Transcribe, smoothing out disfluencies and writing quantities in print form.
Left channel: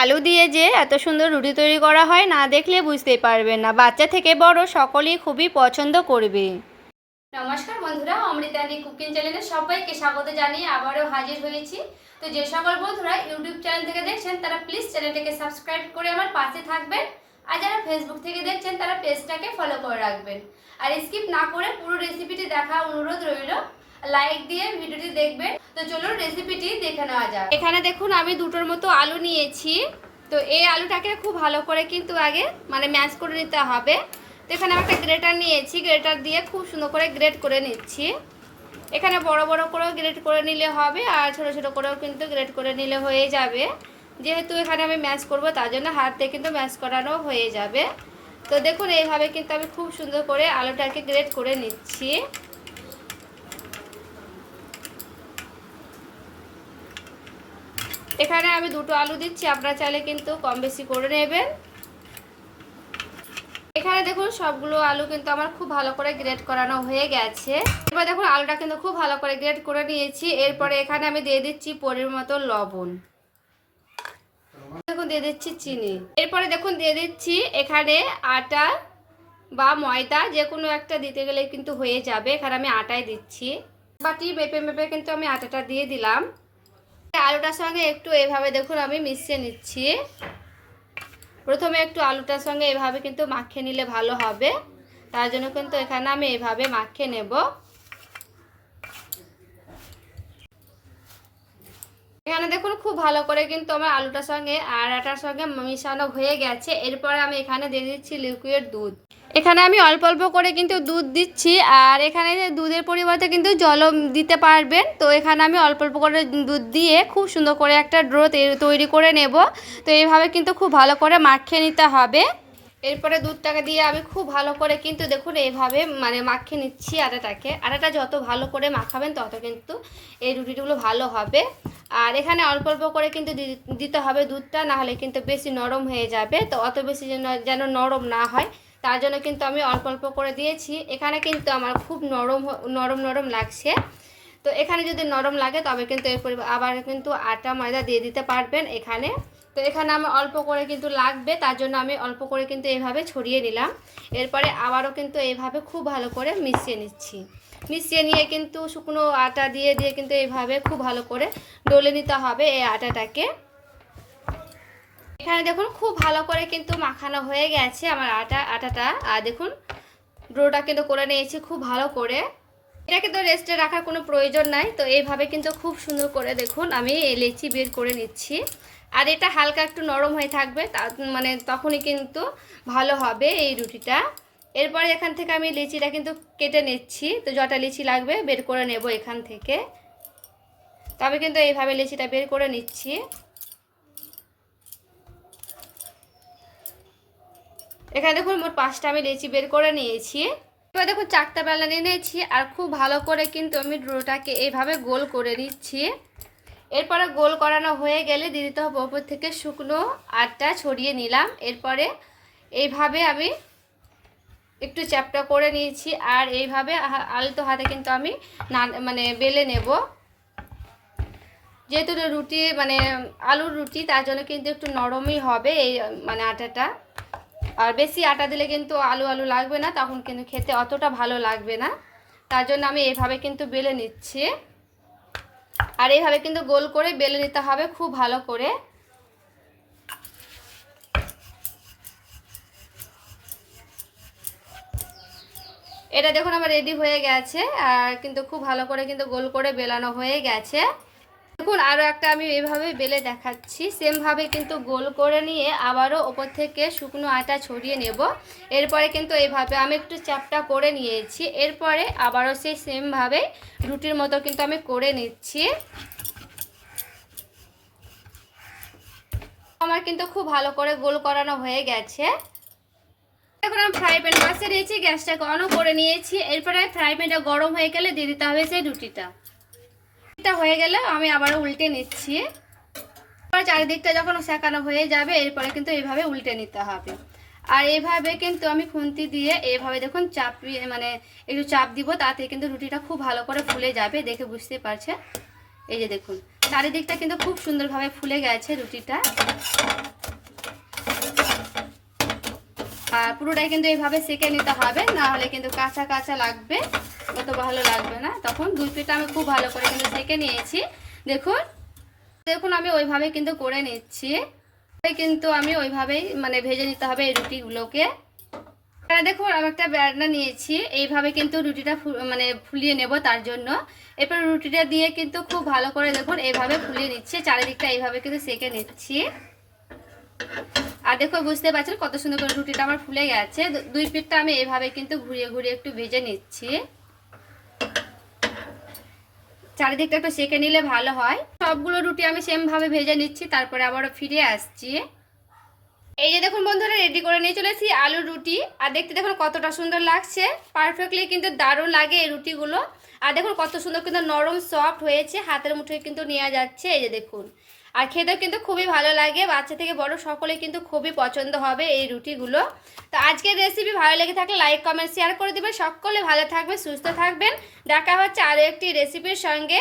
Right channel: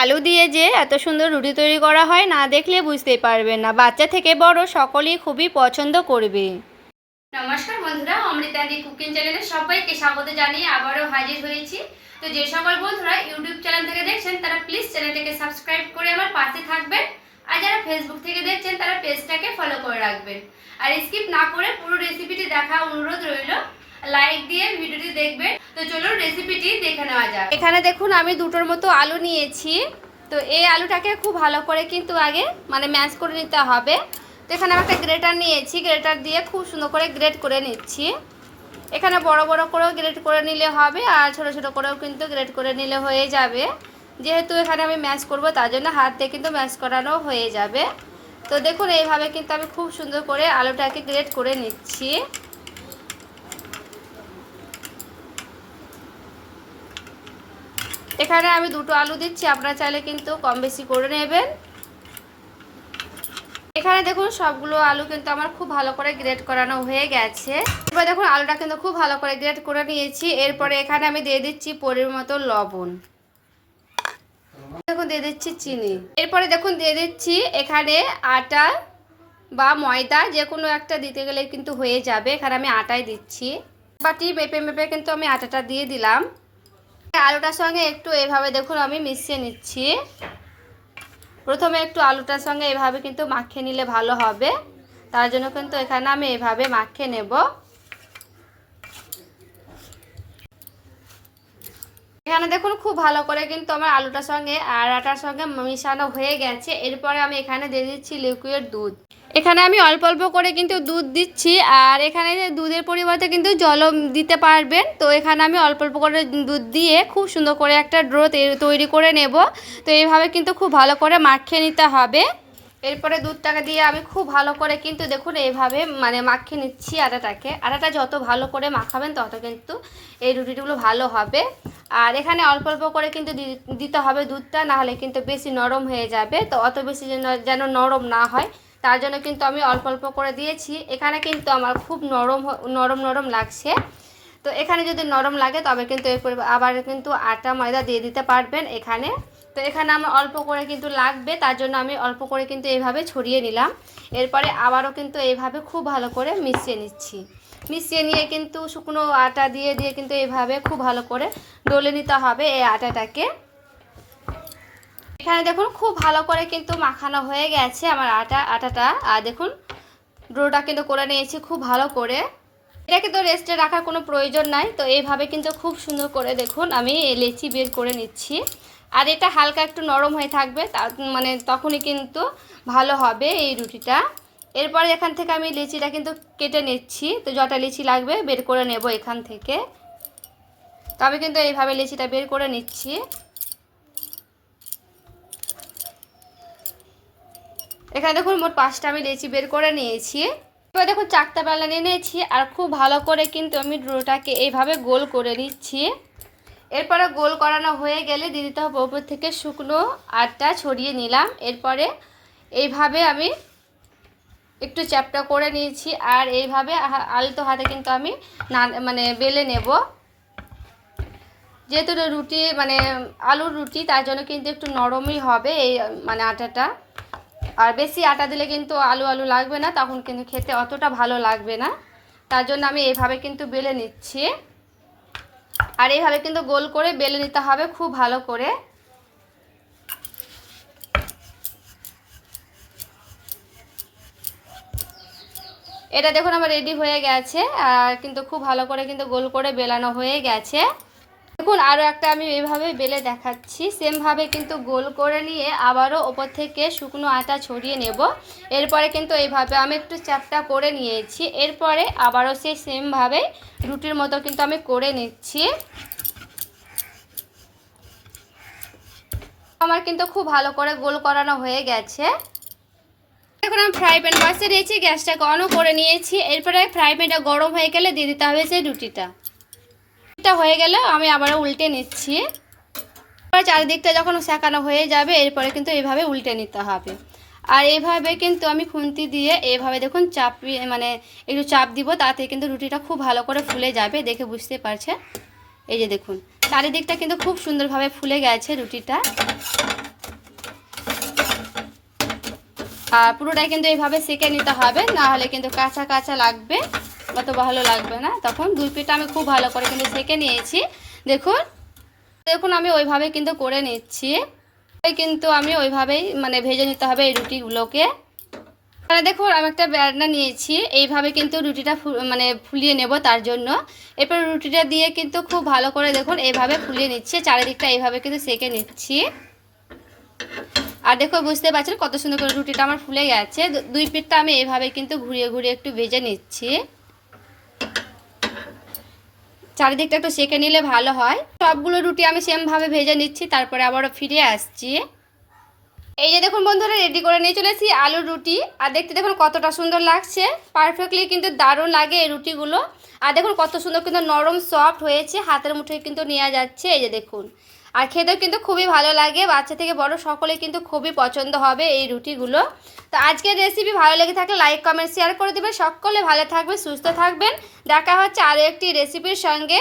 আলু দিয়ে যে এত সুন্দর রুটি তৈরি করা হয় না দেখলে বুঝতেই পারবেন না, বাচ্চা থেকে বড় সকলেই খুবই পছন্দ করবে। নমস্কার বন্ধুরা, অমৃতাদি কুকিং চ্যানেলে সবাইকে স্বাগত জানিয়ে আবারও হাজির হয়েছি। তো যে সকল বন্ধুরা ইউটিউব চ্যানেল থেকে দেখছেন তারা প্লিজ চ্যানেলটাকে সাবস্ক্রাইব করে আমার পাশে থাকবেন, আর যারা ফেসবুক থেকে দেখছেন তারা পেজটাকে ফলো করে রাখবেন। আর স্কিপ না করে পুরো রেসিপিটি দেখা অনুরোধ রইল, লাইক দিয়ে ভিডিওটি দেখবেন। তো চলুন রেসিপিটি দেখে নেওয়া যাক। এখানে দেখুন আমি দুটোর মতো আলু নিয়েছি। তো এই আলুটাকে খুব ভালো করে কিন্তু আগে ম্যাশ করে নিতে হবে। তো এখানে আমি একটা গ্রেটার নিয়েছি, গ্রেটার দিয়ে খুব সুন্দর করে গ্রেট করে নিচ্ছি। এখানে বড় বড় করেও গ্রেট করে নিলে হবে, আর ছোট ছোট করেও কিন্তু গ্রেট করে নিলে হয়ে যাবে। যেহেতু এখানে আমি ম্যাশ করব তার জন্য হাত দিয়ে কিন্তু ম্যাশ করানো হয়ে যাবে। তো দেখুন এইভাবে কিন্তু আমি খুব সুন্দর করে আলুটাকে গ্রেট করে নিচ্ছি। এখানে আমি দুটো আলু দিচ্ছি, আপনারা চাইলে কিন্তু কম বেশি করে নেবেন। এখানে দেখুন সবগুলো আলু কিন্তু আমার খুব ভালো করে গ্রেট করানো হয়ে গেছে। এবার দেখুন আলুটা কিন্তু খুব ভালো করে গ্রেট করে নিয়েছি। এরপরে এখানে আমি দিয়ে দিচ্ছি পরিমাণ মতো লবণ, দেখুন দিয়ে দিচ্ছি চিনি। এরপরে দেখুন দিয়ে দিচ্ছি এখানে আটা বা ময়দা, যে কোনো একটা দিতে গেলে কিন্তু হয়ে যাবে। এখানে আমি আটাই দিচ্ছি, বাটি মেপে মেপে কিন্তু আমি আটাটা দিয়ে দিলাম। আলুটার সঙ্গে একটু এভাবে দেখুন আমি মিশিয়ে নিচ্ছি। প্রথমে একটু আলুটার সঙ্গে এভাবে কিন্তু মাখিয়ে নিলে ভালো হবে, তার জন্য কিন্তু এখানে আমি এভাবে মাখিয়ে নেব। এখানে দেখুন খুব ভালো করে কিন্তু আমার আলুটার সঙ্গে আর আটার সঙ্গে মিশানো হয়ে গেছে। এরপরে আমি এখানে দিয়ে দিচ্ছি লিকুইড দুধ। এখানে আমি অল্প অল্প করে কিন্তু দুধ দিচ্ছি, আর এখানে দুধের পরিবর্তে কিন্তু জলও দিতে পারবেন। তো এখানে আমি অল্প অল্প করে দুধ দিয়ে খুব সুন্দর করে একটা ডো তৈরি করে নেব। তো এইভাবে কিন্তু খুব ভালো করে মাখিয়ে নিতে হবে। এরপরে দুধটাকে দিয়ে আমি খুব ভালো করে কিন্তু দেখুন এইভাবে মাখিয়ে নিচ্ছি আটাটাকে। আটাটা যত ভালো করে মাখাবেন তত কিন্তু এই রুটিগুলো ভালো হবে। আর এখানে অল্প অল্প করে কিন্তু দিতে হবে দুধটা, না হলে কিন্তু বেশি নরম হয়ে যাবে। তো অত বেশি যেন নরম না হয় তার জন্য কিন্তু আমি অল্প অল্প করে দিয়েছি। এখানে কিন্তু আমার খুব নরম নরম লাগছে। তো এখানে যদি নরম লাগে তবে কিন্তু এরপর আবার কিন্তু আটা ময়দা দিয়ে দিতে পারবেন এখানে। তো এখানে আমার অল্প করে কিন্তু লাগবে, তার জন্য আমি অল্প করে কিন্তু এইভাবে ছড়িয়ে নিলাম। এরপরে আবারও কিন্তু এইভাবে খুব ভালো করে মিশিয়ে নিচ্ছি। মিশিয়ে নিয়ে কিন্তু শুকনো আটা দিয়ে কিন্তু এইভাবে খুব ভালো করে ডলে নিতে হবে এই আটাটাকে। এখানে দেখুন খুব ভালো করে কিন্তু মাখানো হয়ে গেছে আমার আটাটা। আর দেখুন ডোটা কিন্তু করে নিয়েছি খুব ভালো করে। এটাকে তো রেস্টে রাখার কোনো প্রয়োজন নাই। তো এইভাবে কিন্তু খুব সুন্দর করে দেখুন আমি লেচি বের করে নিচ্ছি। আর এটা হালকা একটু নরম হয়ে থাকবে, তখনই কিন্তু ভালো হবে এই রুটিটা। এরপরে এখান থেকে আমি লিচিটা কিন্তু কেটে নিচ্ছি। তো যটা লিচি লাগবে বের করে নেব এখান থেকে। তো আমি কিন্তু এইভাবে লিচিটা বের করে নিচ্ছি। এখানে দেখুন মোট 5টা আমি লিচি বের করে নিয়েছি। এবার দেখুন চারটা বেলা নিয়ে নিয়েছি, আর খুব ভালো করে কিন্তু আমি ডোটাকে এইভাবে গোল করে নিচ্ছি। এরপরে গোল করানো হয়ে গেলে দিয়ে দিতে হবে ওপর থেকে শুকনো আটা ছড়িয়ে নিলাম। এরপরে এইভাবে আমি একটু চ্যাপটা করে নিয়েছি, আর এইভাবে আলতো হাতে কিন্তু আমি বেলে নেব। যেহেতু রুটি আলুর রুটি, তার জন্য কিন্তু একটু নরমই হবে এই আটাটা। আর বেশি আটা দিলে কিন্তু আলু আলু লাগবে না, তখন কিন্তু খেতে অতটা ভালো লাগবে না। তার জন্য আমি এইভাবে কিন্তু বেলে নিচ্ছি। আর এইভাবে কিন্তু গোল করে বেলে নিতে হবে খুব ভালো করে। এটা দেখুন আমার রেডি হয়ে গেছে, আর কিন্তু খুব ভালো করে কিন্তু গোল করে বেলানো হয়ে গেছে। দেখুন আরও একটা আমি এইভাবে বেলে দেখাচ্ছি। সেমভাবে কিন্তু গোল করে নিয়ে আবারও ওপর থেকে শুকনো আটা ছড়িয়ে নেব। এরপরে কিন্তু এইভাবে আমি একটু চ্যাপটা করে নিয়েছি। এরপরে আবারও সেই সেমভাবে রুটির মতো কিন্তু আমি করে নিচ্ছি। আমার কিন্তু খুব ভালো করে গোল করানো হয়ে গেছে। এখন আমি ফ্রাই প্যান বসিয়ে দিয়েছি, গ্যাসটাকে অনও করে নিয়েছি। এরপরে ফ্রাই প্যানটা গরম হয়ে গেলে দিয়ে দিতে হবে সেই রুটিটা। হয়ে গেলে আমি আবারও উল্টে নিচ্ছি। চারিদিকটা যখন সেঁকানো হয়ে যাবে এরপরে কিন্তু এইভাবে উল্টে নিতে হবে। আর এইভাবে কিন্তু আমি খুন্তি দিয়ে এইভাবে দেখুন চাপিয়ে একটু চাপ দিব, তাতে কিন্তু রুটিটা খুব ভালো করে ফুলে যাবে, দেখে বুঝতে পারছেন। এই যে দেখুন চারিদিকটা কিন্তু খুব সুন্দরভাবে ফুলে গেছে রুটিটা। আর পুরোটাই কিন্তু এইভাবে সেঁকে নিতে হবে, না হলে কিন্তু কাঁচা কাঁচা লাগবে, অত ভালো লাগবে না। তখন দুই পিঠটা আমি খুব ভালো করে কিন্তু সেঁকে নিয়েছি। দেখুন দেখুন আমি ওইভাবে কিন্তু করে নিচ্ছি, কিন্তু আমি ওইভাবেই মানে ভেজে নিতে হবে এই রুটিগুলোকে। দেখুন আমি একটা বেলনা নিয়েছি, এইভাবে কিন্তু রুটিটা মানে ফুলিয়ে নেব তার জন্য। এরপর রুটিটা দিয়ে কিন্তু খুব ভালো করে দেখুন এইভাবে ফুলিয়ে নিচ্ছি, চারিদিকটা এইভাবে কিন্তু সেঁকে নিচ্ছি। আর দেখো বুঝতে পারছেন কত সুন্দর করে রুটিটা আমার ফুলে গেছে। দুই পিঠটা আমি এইভাবে কিন্তু ঘুরিয়ে ঘুরিয়ে একটু ভেজে নিচ্ছি, চারিদিকটা একটু সেঁকে নিলে ভালো হয়। সবগুলো রুটি আমি সেমভাবে ভেজে নিচ্ছি, তারপরে আবারও ফিরে আসছি। এই যে দেখুন বন্ধুরা রেডি করে নিয়ে চলেছি আলুর রুটি। আর দেখতে দেখুন কতটা সুন্দর লাগছে, পারফেক্টলি কিন্তু দারুণ লাগে এই রুটিগুলো। আর দেখুন কত সুন্দর কিন্তু নরম সফট হয়েছে, হাতের মুঠোয় কিন্তু নেওয়া যাচ্ছে। এই যে দেখুন, আর খেতেও কিন্তু খুবই ভালো লাগে, বাচ্চা থেকে বড় সকলে কিন্তু খুবই পছন্দ হবে এই রুটিগুলো। তো আজকের রেসিপি ভালো লেগে থাকলে লাইক কমেন্ট শেয়ার করে দেবেন। সকলে ভালো থাকবেন, সুস্থ থাকবেন। দেখা হচ্ছে আরও একটি রেসিপির সঙ্গে।